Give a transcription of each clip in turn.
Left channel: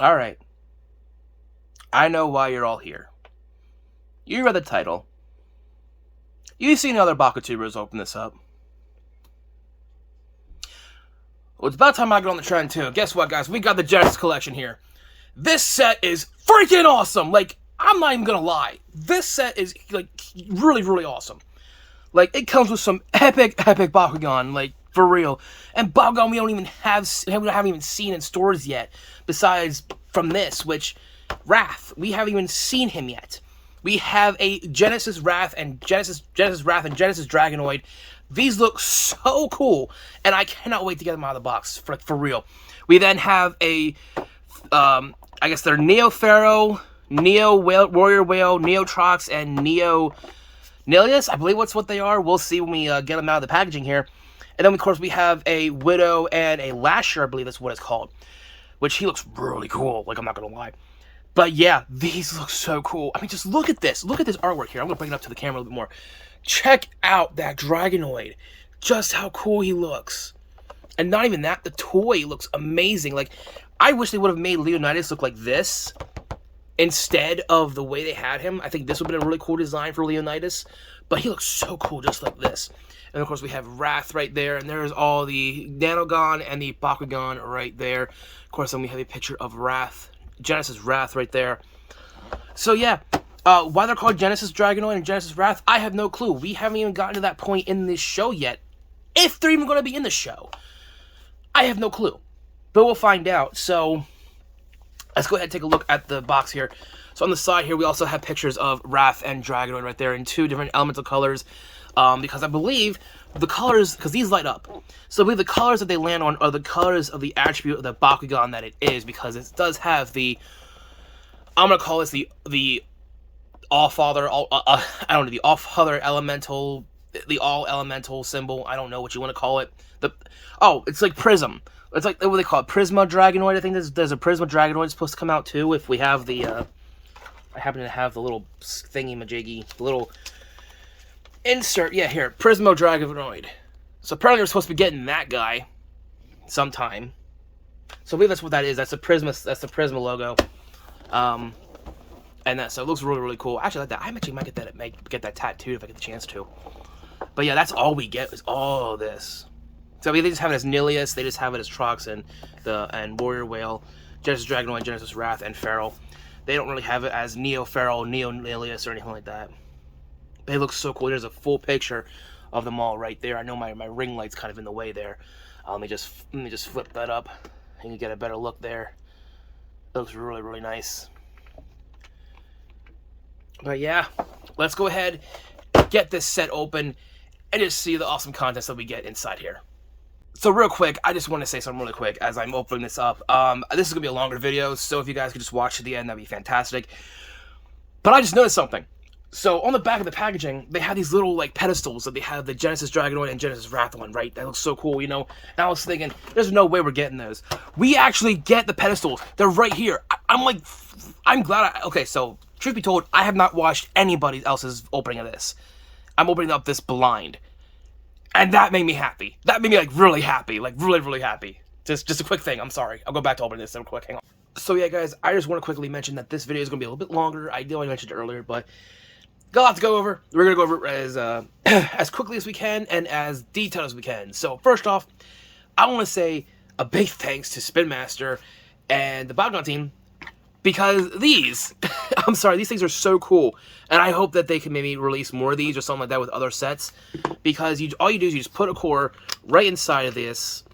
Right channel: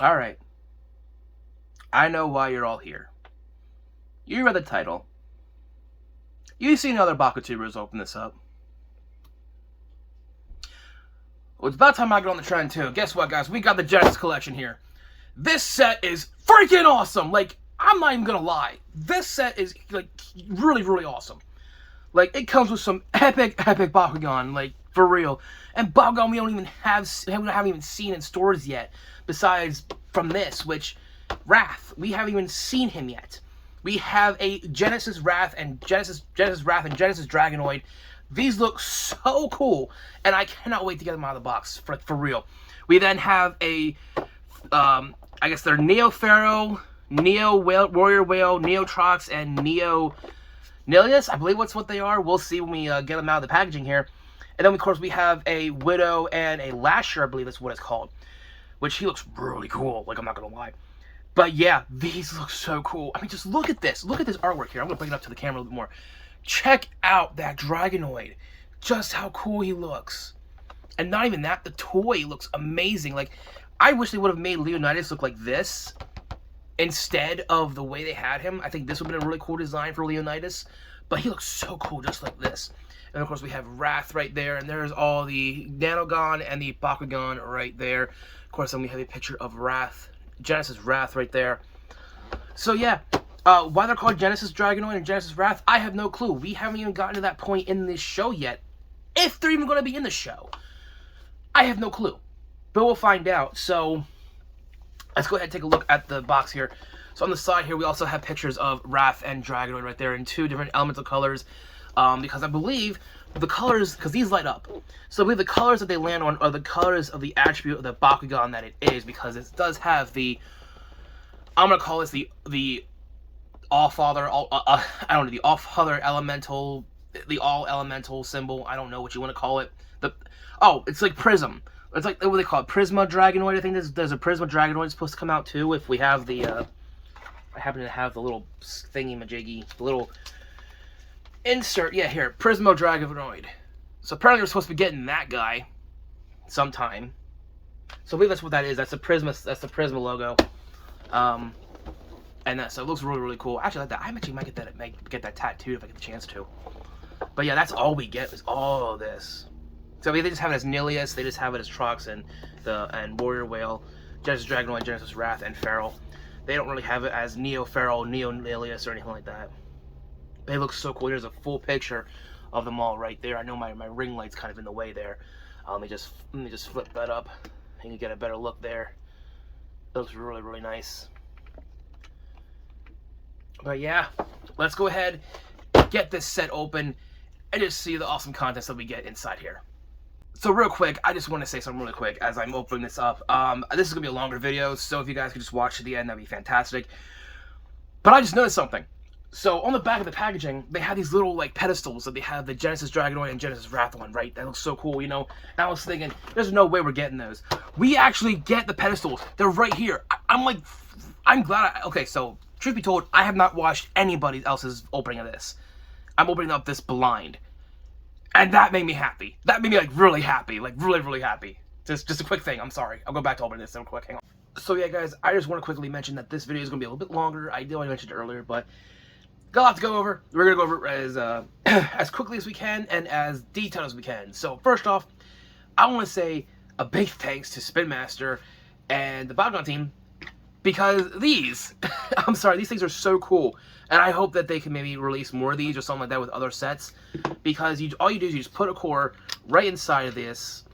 Alright. I know why you're all here. You read the title. You've seen other Bakutubers open this up. Well, it's about time I get on the trend too. Guess what, guys? We got the Genesis collection here. This set is freaking awesome. Like, I'm not even gonna lie. This set is like really, really awesome. Like, it comes with some epic Bakugan, like, for real. And Bakugan we haven't even seen in stores yet. Besides from this, which Wrath, we haven't even seen him yet. We have a Genesis Wrath and Genesis Wrath and Genesis Dragonoid. These look so cool, and I cannot wait to get them out of the box for real. We then have a, I guess they're Neo Pharaoh, Neo Warrior Whale, Neo Trox, and Neo Nelius. I believe that's what they are. We'll see when we get them out of the packaging here. And then, of course, we have a Widow and a Lasher, I believe that's what it's called. Which he looks really cool, like, I'm not going to lie. But yeah, these look so cool. I mean, just look at this. Look at this artwork here. I'm going to bring it up to the camera a little bit more. Check out that Dragonoid. Just how cool he looks. And not even that, the toy looks amazing. Like, I wish they would have made Leonidas look like this instead of the way they had him. I think this would have been a really cool design for Leonidas. But he looks so cool just like this. And of course we have Wrath right there. And there's all the Nanogun and the Bakugan right there. Of course, then we have a picture of Wrath. Genesis Wrath right there. So yeah, why they're called Genesis Dragonoid and Genesis Wrath, I have no clue. We haven't even gotten to that point in this show yet. If they're even going to be in the show. I have no clue. But we'll find out. So let's go ahead and take a look at the box here. So on the side here, we also have pictures of Wrath and Dragonoid right there in two different elemental colors. Because I believe the colors, because these light up. So I believe the colors that they land on are the colors of the attribute of the Bakugan that it is, because it does have the, I'm going to call this the All-Father, I don't know, the All-Father Elemental, the All-Elemental symbol, I don't know what you want to call it. It's like Prism. It's like, what do they call it? Prisma Dragonoid, I think there's a Prisma Dragonoid supposed to come out too, if we have the, I happen to have the little thingy-majiggy, the little insert, yeah, here, Prismo Dragonoid. So apparently we're supposed to be getting that guy sometime. So I believe that's what that is. That's the Prisma logo. And that, so it looks really, really cool. Actually, I like that. I actually might get that tattooed if I get the chance to. But yeah, that's all we get is all of this. So they just have it as Nilius, they just have it as Trox and Warrior Whale, Genesis Dragonoid, Genesis Wrath, and Farrell. They don't really have it as Neo Farrell, Neo Nelius, or anything like that. They look so cool. There's a full picture of them all right there. I know my ring light's kind of in the way there. Let me just flip that up and you get a better look there. That looks really, really nice. But yeah, let's go ahead, get this set open, and just see the awesome contents that we get inside here. So real quick, I just want to say something really quick as I'm opening this up. This is going to be a longer video, so if you guys could just watch to the end, that'd be fantastic. But I just noticed something. So on the back of the packaging, they have these little like pedestals that they have the Genesis Dragonoid and Genesis Wrath one, right? That looks so cool, you know? And I was thinking, there's no way we're getting those. We actually get the pedestals. They're right here. I'm glad okay, so truth be told, I have not watched anybody else's opening of this. I'm opening up this blind. And that made me happy. That made me like really happy. Like really, really happy. Just a quick thing. I'm sorry. I'll go back to opening this real quick. Hang on. So yeah, guys, I just want to quickly mention that this video is going to be a little bit longer. I know I mentioned it earlier, but got a lot to go over. We're going to go over it as quickly as we can and as detailed as we can. So first off, I want to say a big thanks to Spin Master and the Bakugan team, because these, I'm sorry, these things are so cool. And I hope that they can maybe release more of these or something like that with other sets. Because all you do is you just put a core right inside of this,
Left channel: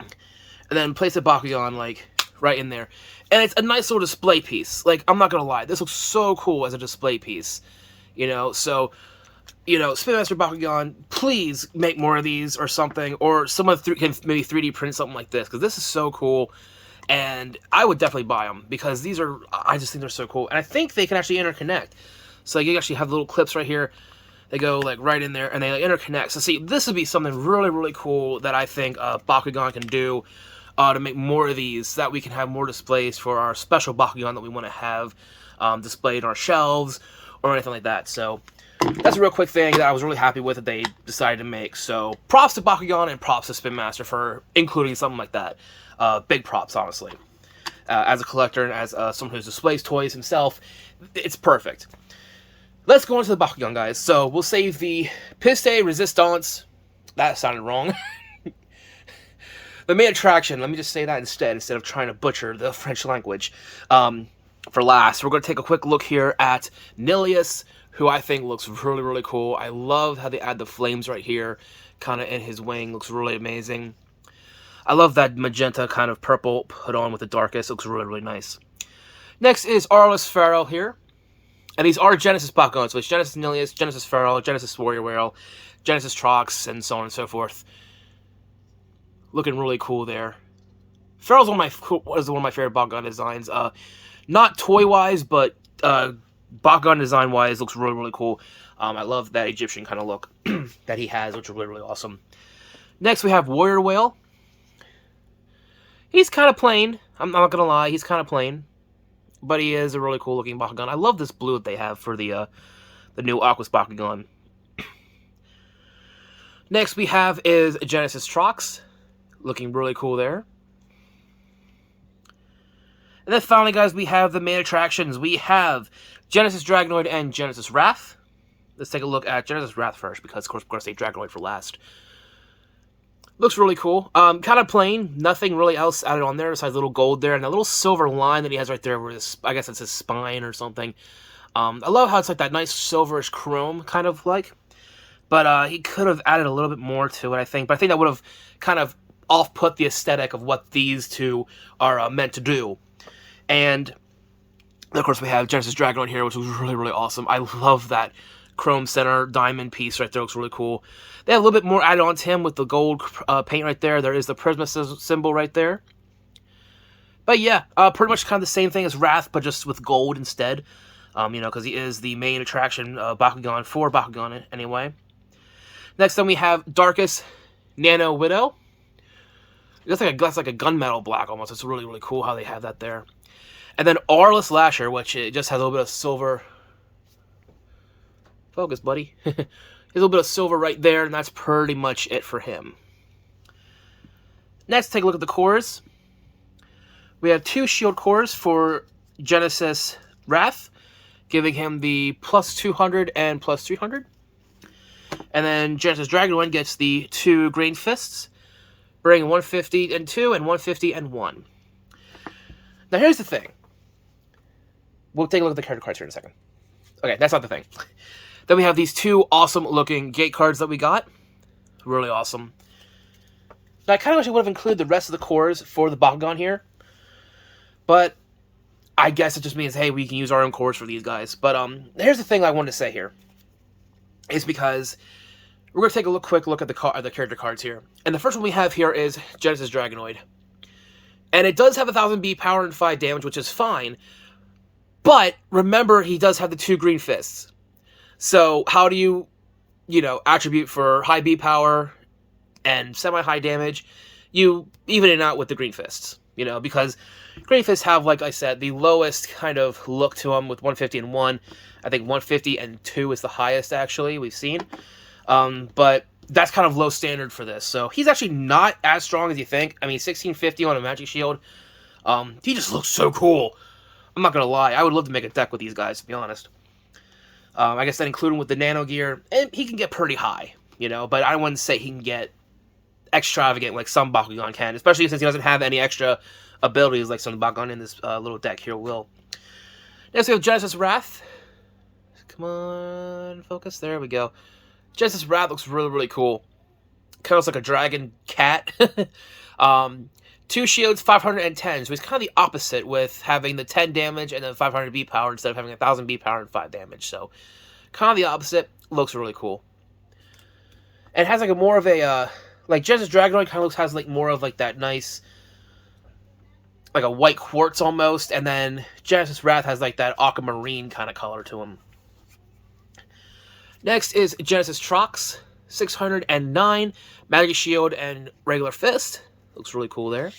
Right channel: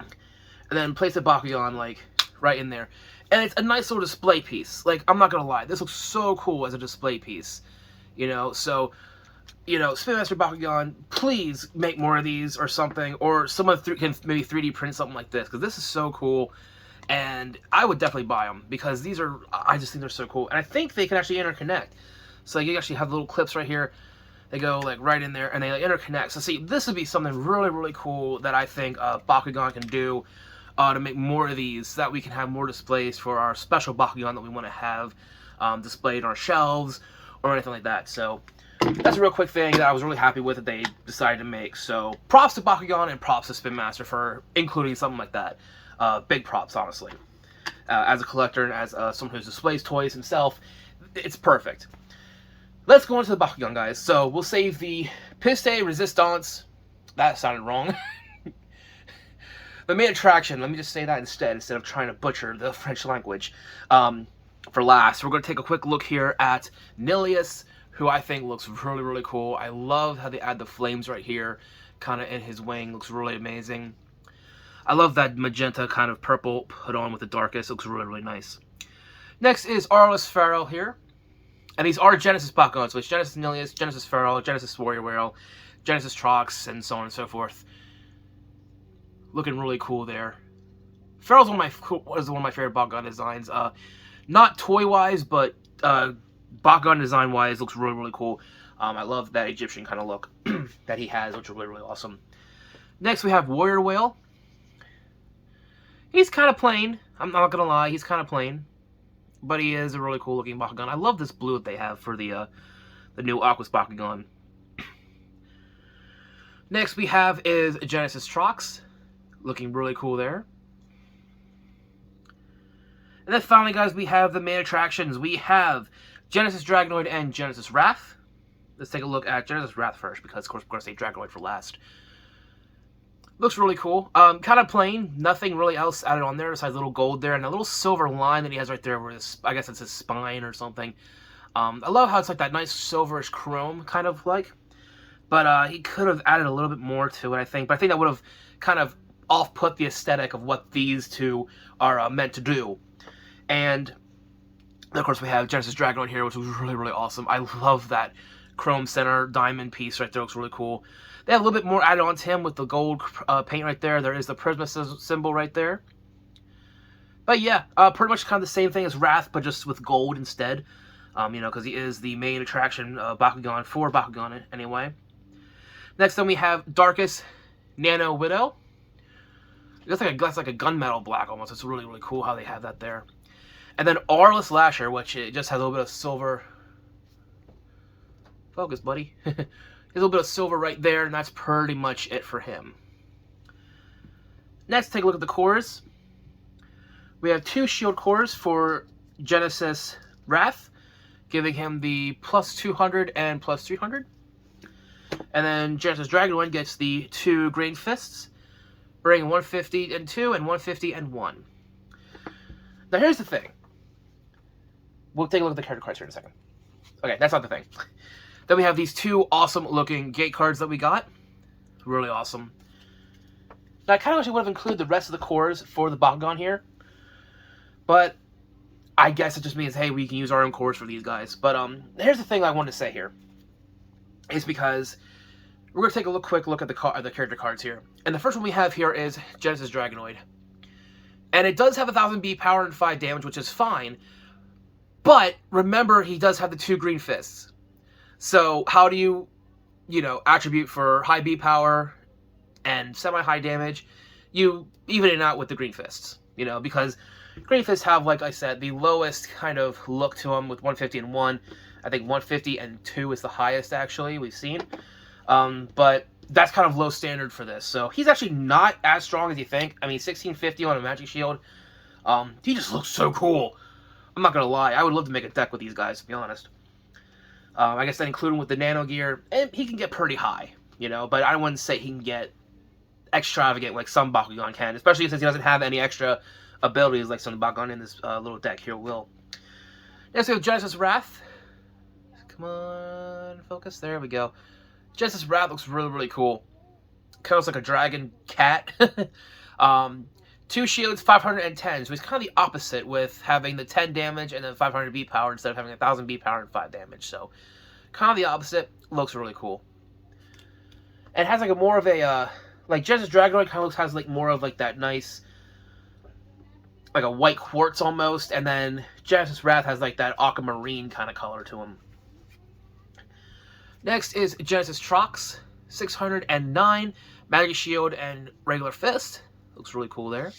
and then place a Bakugan like right in there. And it's a nice little display piece. Like, I'm not gonna lie, this looks so cool as a display piece. You know, so, you know, Spin Master Bakugan, please make more of these or something. Or someone can maybe 3D print something like this, because this is so cool. And I would definitely buy them, because these are, I just think they're so cool. And I think they can actually interconnect. So you actually have little clips right here. They go like right in there and they like interconnect. So see, this would be something really, really cool that I think Bakugan can do to make more of these, so that we can have more displays for our special Bakugan that we want to have displayed on our shelves or anything like that. So that's a real quick thing that I was really happy with that they decided to make. So props to Bakugan and props to Spin Master for including something like that. Big props, honestly. as a collector and as someone who displays toys himself. It's perfect. Let's go into the Bakugan, guys. So we'll save the Piste Resistance. That sounded wrong. The main attraction. Let me just say that instead of trying to butcher the French language. For last, we're going to take a quick look here at Nelius, who I think looks really, really cool. I love how they add the flames right here, kind of in his wing. Looks really amazing. I love that magenta kind of purple put on with the darkest. Looks really, really nice. Next is Arlos Farrell here. And these are Genesis Bakugan, so it's Genesis Nilius, Genesis Farrell, Genesis Warrior Whale, Genesis Trox, and so on and so forth. Looking really cool there. Farrell's one of my favorite Bakugan designs. Not toy-wise, but Bakugan design-wise, looks really, really cool. I love that Egyptian kind of look that he has, which is really, really awesome. Next, we have Warrior Whale. He's kind of plain. I'm not going to lie, he's kind of plain. But he is a really cool looking Bakugan. I love this blue that they have for the new Aquas Bakugan. Next we have is Genesis Trox. Looking really cool there. And then finally, guys, we have the main attractions. We have Genesis Dragonoid and Genesis Wrath. Let's take a look at Genesis Wrath first, because of course we're going to say Dragonoid for last. Looks really cool. Kind of plain. Nothing really else added on there besides a little gold there and a little silver line that he has right there where this, I guess it's his spine or something. I love how it's like that nice silverish chrome kind of like. But he could have added a little bit more to it, I think. But I think that would have kind of off-put the aesthetic of what these two are meant to do. And of course we have Genesis Dragonoid here, which was really, really awesome. I love that chrome center diamond piece right there. Looks really cool. They have a little bit more added on to him with the gold paint right there. There is the Prisma symbol right there. But yeah, pretty much kind of the same thing as Wrath, but just with gold instead. You know, because he is the main attraction Bakugan for Bakugan anyway. Next then we have Darkest Nano Widow. That's like a gunmetal black almost. It's really, really cool how they have that there. And then Arlos Lasher, which it just has a little bit of silver. Focus, buddy. A little bit of silver right there, and that's pretty much it for him. Next, take a look at the cores. We have 2 shield cores for Genesis Wrath, giving him the plus 200 and plus 300. And then Genesis Dragonoid gets the 2 green fists, bringing 150 and 2 and 150 and 1. Now here's the thing. We'll take a look at the character cards here in a second. Okay, that's not the thing. Then we have these 2 awesome looking gate cards that we got. Really awesome. Now I kind of wish I would have included the rest of the cores for the Bakugan here. But I guess it just means, hey, we can use our own cores for these guys. But here's the thing I wanted to say here. It's because we're going to take a quick look at the character cards here. And the first one we have here is Genesis Dragonoid. And it does have 1000 B power and 5 damage, which is fine. But remember, he does have the 2 green fists. So how do you attribute for high B power and semi-high damage? You even it out with the green fists, because green fists have, like I said, the lowest kind of look to them with 150 and 1. I think 150 and 2 is the highest, actually, we've seen. But that's kind of low standard for this. So he's actually not as strong as you think. I mean, 1650 on a magic shield. He just looks so cool. I'm not going to lie. I would love to make a deck with these guys, to be honest. I guess that including with the nano gear, and he can get pretty high, but I wouldn't say he can get extravagant like some Bakugan can, especially since he doesn't have any extra abilities like some Bakugan in this little deck here will. Next we have Genesis Wrath. Come on, focus. There we go. Genesis Wrath looks really, really cool. Kind of looks like a dragon cat. 2 shields, 510. So he's kind of the opposite with having the 10 damage and then 500 B power instead of having 1000 B power and 5 damage. So kind of the opposite. Looks really cool. And it has like a more of a like Genesis Dragonoid kind of has like more of like that nice like a white quartz almost, and then Genesis Wrath has like that aquamarine kind of color to him. Next is Genesis Trox, 609 magic shield and regular fist. Looks really cool there.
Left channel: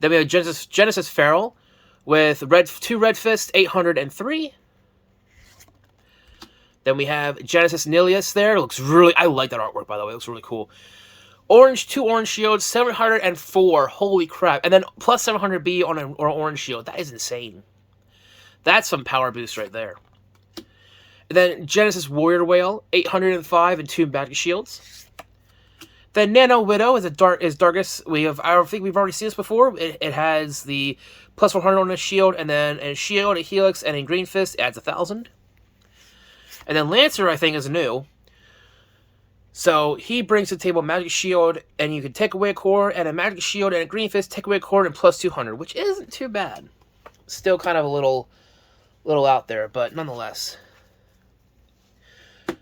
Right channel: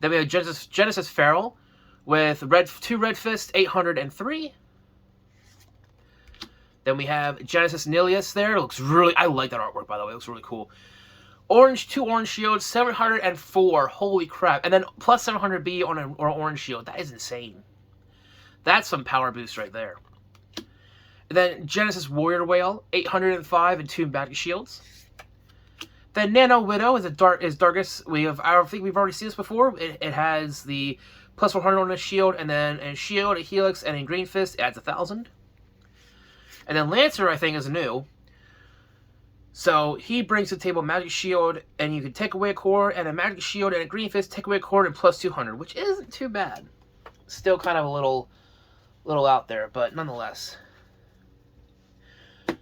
Then we have Genesis Farrell with 2 red fists, 803. Then we have Genesis Nelius there. It looks really, I like that artwork, by the way. It looks really cool. Orange, 2 orange shields, 704. Holy crap. And then plus 700B on an orange shield. That is insane. That's some power boost right there. And then Genesis Warrior Whale, 805 and 2 magic shields. Then Nano Widow is darkest. I don't think we've already seen this before. It has the plus 100 on the shield, and then a shield, a helix, and a green fist adds 1,000. And then Lancer, I think, is new. So he brings to the table a magic shield, and you can take away a core, and a magic shield and a green fist, take away a core, and plus 200, which isn't too bad. Still kind of a little out there, but nonetheless.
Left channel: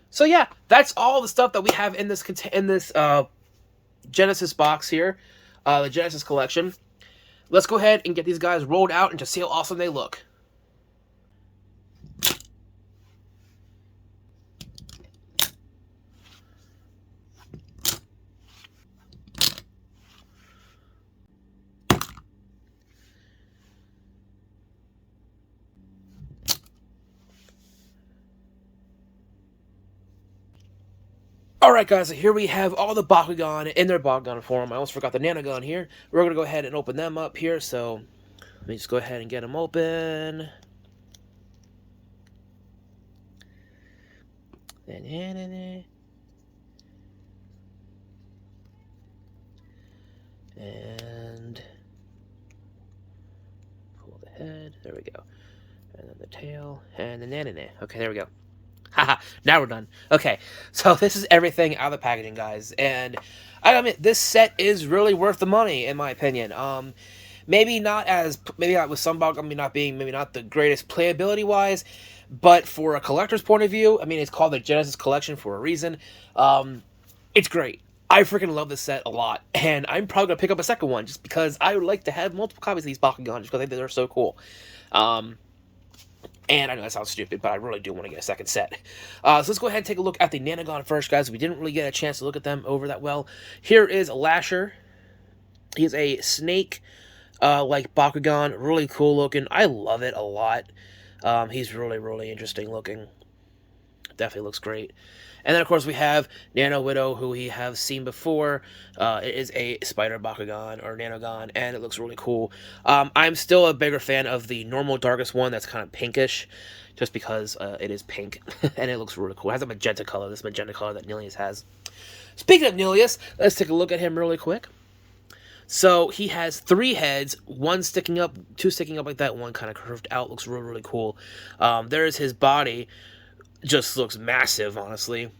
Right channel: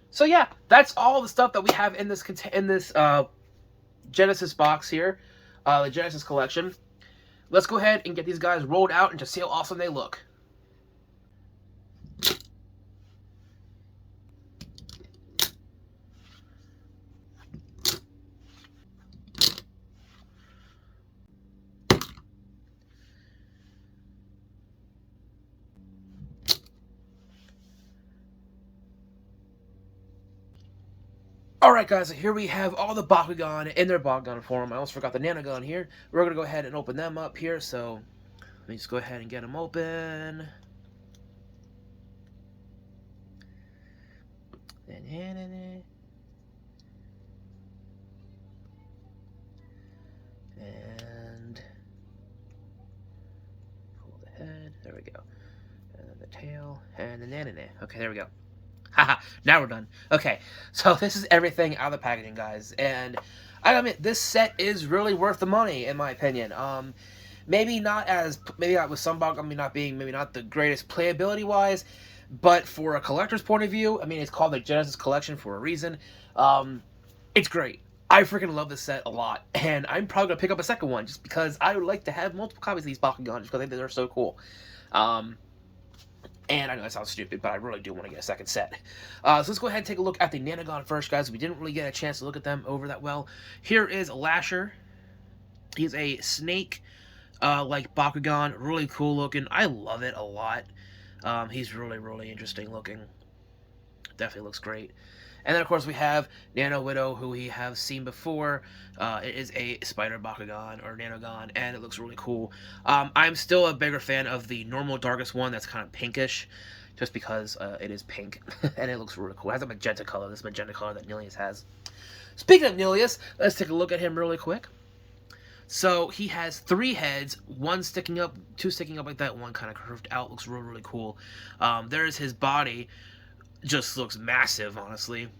So yeah, that's all the stuff that we have in this Genesis box here, the Genesis collection. Let's go ahead and get these guys rolled out and just see how awesome they look. Alright guys, so here we have all the Bakugan in their Bakugan form. I almost forgot the Nanogun here. We're going to go ahead and open them up here, so let me just go ahead and get them open. And pull the head, there we go. And then the tail, and the nanana. Okay, there we go. Haha, now we're done. Okay, so this is everything out of the packaging, guys, and I admit this set is really worth the money, in my opinion. Maybe not with some Bakugan maybe not the greatest playability wise, but for a collector's point of view, I mean, it's called the Genesis Collection for a reason. It's great. I freaking love this set a lot, and I'm probably gonna pick up a second one just because I would like to have multiple copies of these Bakugan just because I think they're so cool. And I know that sounds stupid, but I really do want to get a second set. So let's go ahead and take a look at the Nanogun first, guys. We didn't really get a chance to look at them over that well. Here is Lasher. He's a snake, like Bakugan. Really cool looking. I love it a lot. He's really, really interesting looking. Definitely looks great. And then, of course, we have Nano Widow, who we have seen before. It is a spider Bakugan, or Nanogun, and it looks really cool. I'm still a bigger fan of the normal darkest one that's kind of pinkish, just because it is pink, and it looks really cool. It has a magenta color, this magenta color that Nelius has. Speaking of Nelius, let's take a look at him really quick. So, he has 3 heads, 1 sticking up, 2 sticking up like that, 1 kind of curved out. Looks really, really cool. There's his body. Just looks massive, honestly.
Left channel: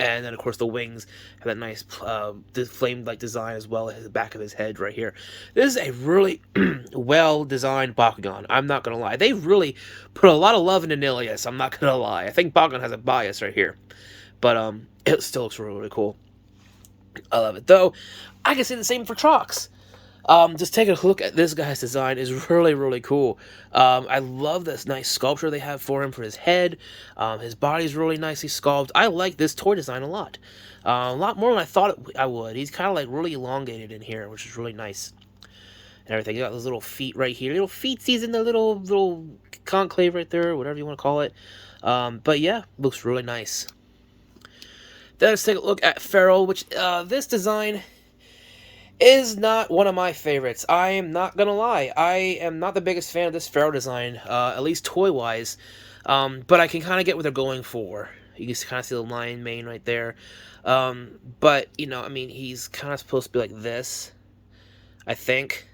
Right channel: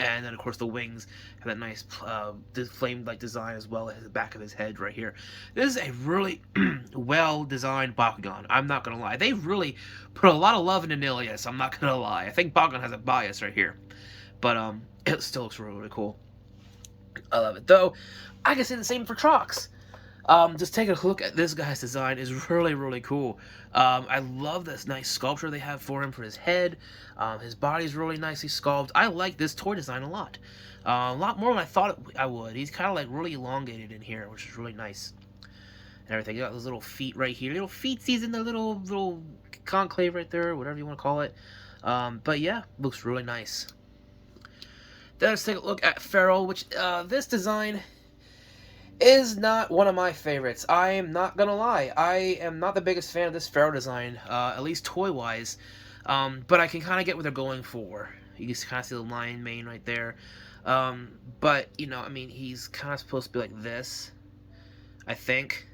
And then, of course, the wings have that nice flame-like design as well as the back of his head right here. This is a really well-designed Bakugan. I'm not going to lie. They really put a lot of love into Nilius. I'm not going to lie. I think Bakugan has a bias right here. But it still looks really, really cool. I love it. Though, I can say the same for Trox. Just taking a look at this guy's design is really, really cool. I love this nice sculpture they have for him for his head. His body's really nicely sculpted. I like this toy design a lot. A lot more than I thought I would. He's kind of like really elongated in here, which is really nice. And everything. You got those little feet right here. Little feetsies in the little conclave right there, whatever you want to call it. But yeah, looks really nice. Then let's take a look at Farrell, which this design is not one of my favorites. I am not gonna lie. I am not the biggest fan of this Farrell design, at least toy-wise. But I can kind of get what they're going for. You can kind of see the lion mane right there. But, you know, I mean, he's kind of supposed to be like this, I think.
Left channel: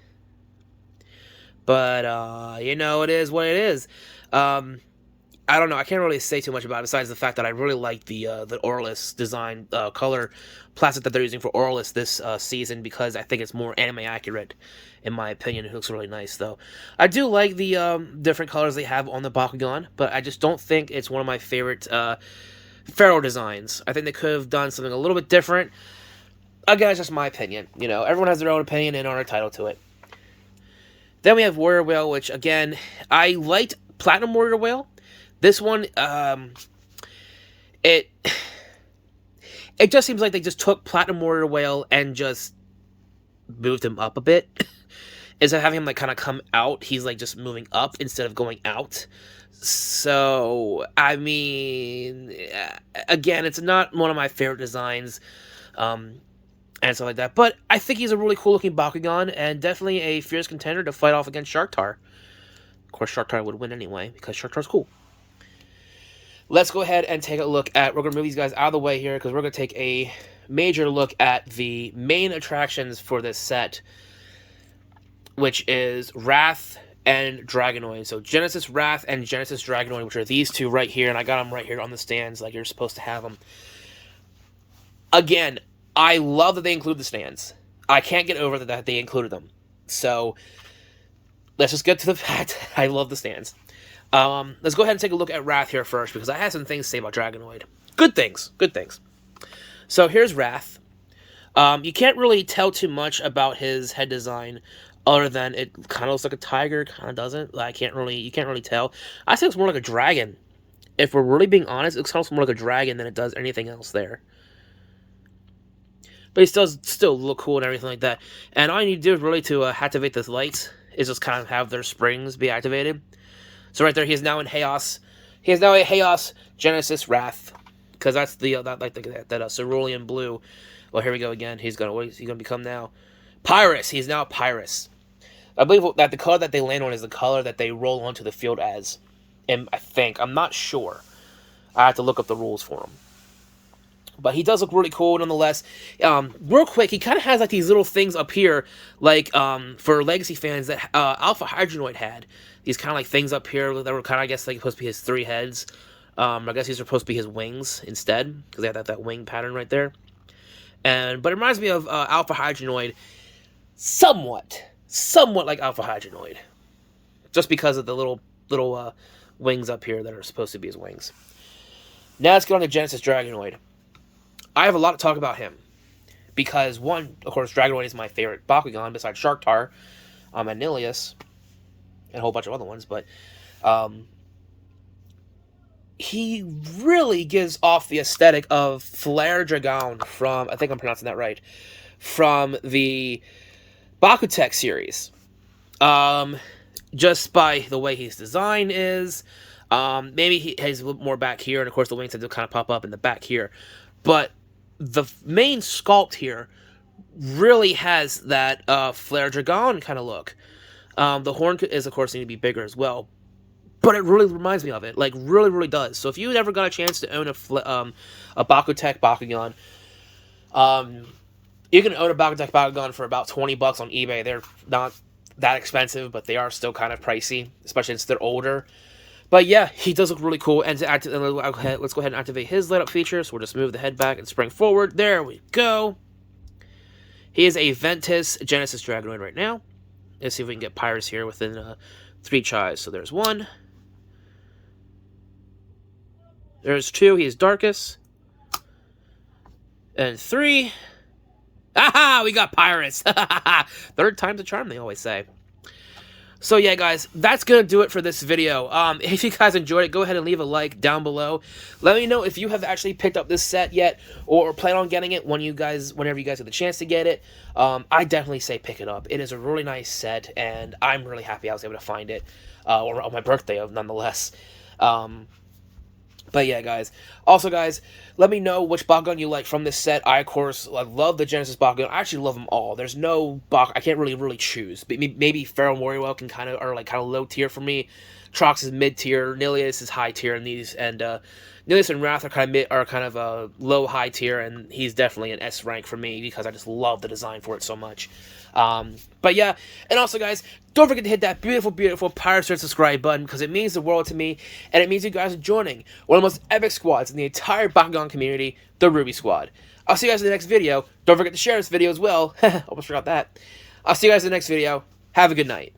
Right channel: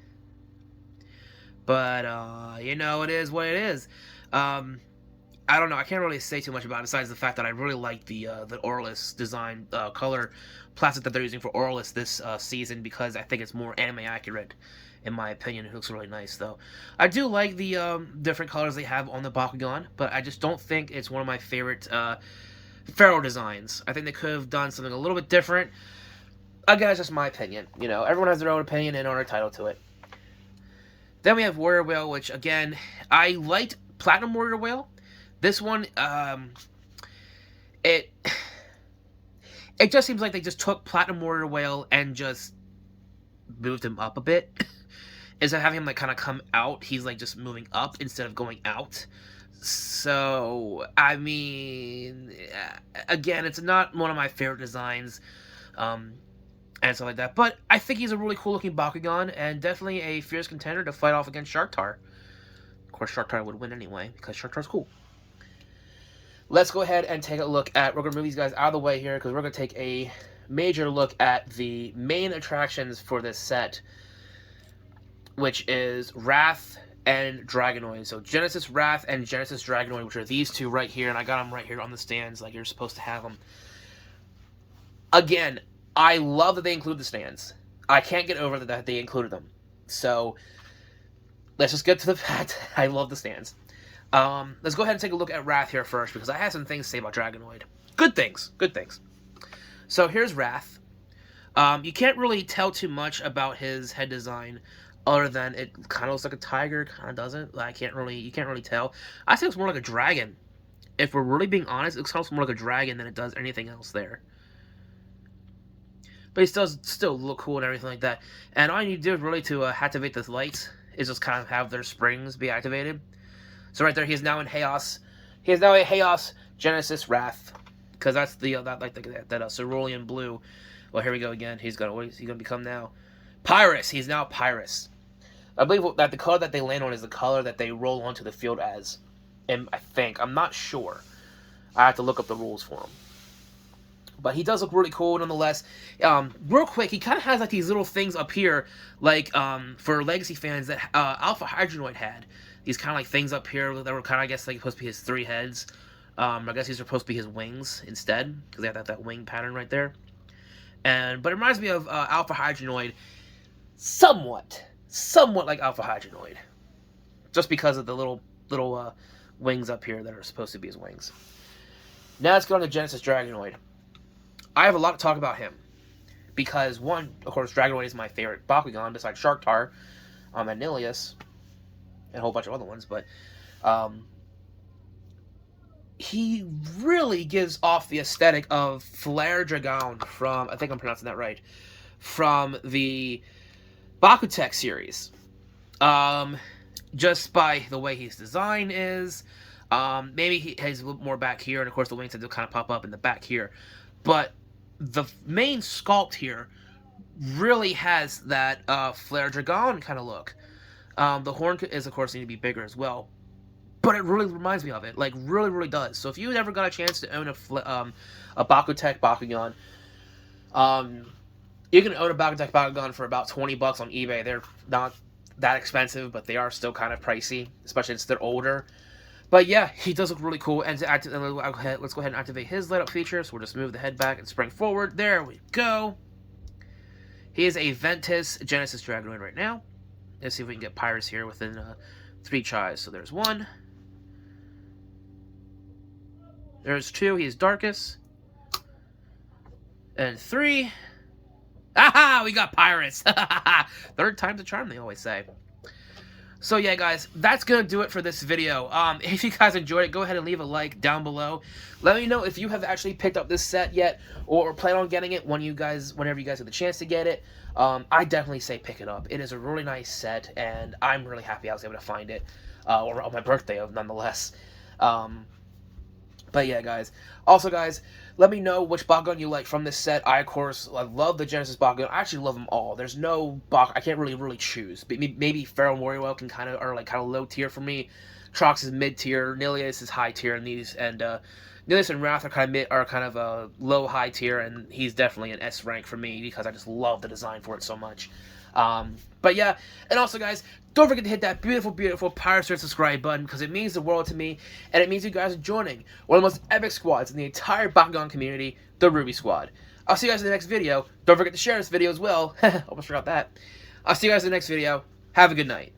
But, you know, it is what it is. I don't know. I can't really say too much about it besides the fact that I really like the Arlos design color plastic that they're using for Arlos this season because I think it's more anime accurate, in my opinion. It looks really nice, though. I do like the different colors they have on the Bakugan, but I just don't think it's one of my favorite Farrell designs. I think they could have done something a little bit different. Again, it's just my opinion. You know, everyone has their own opinion and are entitled to it. Then we have Warrior Whale, which, again, I liked Platinum Warrior Whale. This one, it just seems like they just took Platinum Warrior Whale and just moved him up a bit. Instead of having him, like, kind of come out, he's, like, just moving up instead of going out. So, I mean, again, it's not one of my favorite designs. and stuff like that. But I think he's a really cool looking Bakugan, and definitely a fierce contender to fight off against Sharktar. Of course, Sharktar would win anyway, because Sharktar's cool. Let's go ahead and take a look at, we're going to move these guys out of the way here, because we're going to take a major look at the main attractions for this set, which is Wrath and Dragonoid. So Genesis Wrath and Genesis Dragonoid, which are these two right here, and I got them right here on the stands like you're supposed to have them. Again, I love that they include the stands. I can't get over that they included them. So let's just get to the fact. I love the stands. Let's go ahead and take a look at Wrath here first, because I have some things to say about Dragonoid. Good things. Good things. So here's Wrath. You can't really tell too much about his head design, other than it kind of looks like a tiger, kind of doesn't. You can't really tell. I think it's more like a dragon. If we're really being honest, it looks almost more like a dragon than it does anything else there. But he still look cool and everything like that. And all you need to do really to activate the lights is just kind of have their springs be activated. So right there, he is now in Chaos. He is now a Chaos Genesis Wrath, because that's the that cerulean blue. Well, here we go again. What is he gonna become now? Pyrus. He's now Pyrus. I believe that the color that they land on is the color that they roll onto the field as. And I'm not sure. I have to look up the rules for him. But he does look really cool nonetheless. Real quick, he kind of has like these little things up here, like for Legacy fans that Alpha Hydronoid had. These kind of like things up here that were kind of, I guess, like supposed to be his 3 heads. I guess these are supposed to be his wings instead, because they have that wing pattern right there. But it reminds me of Alpha Hydronoid, somewhat like Alpha Hydronoid, just because of the little wings up here that are supposed to be his wings. Now let's get on to Genesis Dragonoid. I have a lot to talk about him, because one, of course, Dragonoid is my favorite Bakugan besides Sharktar, and Nelius, and a whole bunch of other ones, but he really gives off the aesthetic of Flare Dragon from, I think I'm pronouncing that right, from the Bakutech series. Just by the way his design is, maybe he has a little more back here, and of course the wings have to kind of pop up in the back here, but the main sculpt here really has that Flare Dragon kind of look. The horn is, of course, need to be bigger as well, but it really reminds me of it, like really does. So if you ever got a chance to own a Bakutech Bakugan, you can own a Bakutech Bakugan for about $20 on eBay. They're not that expensive, but they are still kind of pricey, especially since they're older. But yeah, he does look really cool. And let's go ahead and activate his light up feature. So we'll just move the head back and spring forward. There we go. He is a Ventus Genesis Dragonoid right now. Let's see if we can get Pyrus here within 3 tries. So there's 1. There's 2. He's Darkest. And 3. Aha! We got Pyrus. 3rd time's a charm, they always say. So yeah, guys, that's going to do it for this video. If you guys enjoyed it, go ahead and leave a like down below. Let me know if you have actually picked up this set yet, or plan on getting it whenever you guys have the chance to get it. I definitely say pick it up. It is a really nice set, and I'm really happy I was able to find it, or on my birthday, nonetheless. But yeah, guys. Also, guys, let me know which Bakugan you like from this set. I, of course, love the Genesis Bakugan. I actually love them all. There's no I can't really choose. Maybe Farrell Moriwell can kind of low tier for me. Trox is mid tier. Nilius is high tier in these, and Nilius and Wrath are kind of low high tier, and he's definitely an S rank for me because I just love the design for it so much. But yeah, and also, guys, don't forget to hit that beautiful pirate subscribe button, because it means the world to me, and it means you guys are joining one of the most epic squads in the entire Bakugan community, the Ruby Squad. I'll see you guys in the next video. Don't forget to share this video as well. Almost forgot that. I'll see you guys in the next video. Have a good night.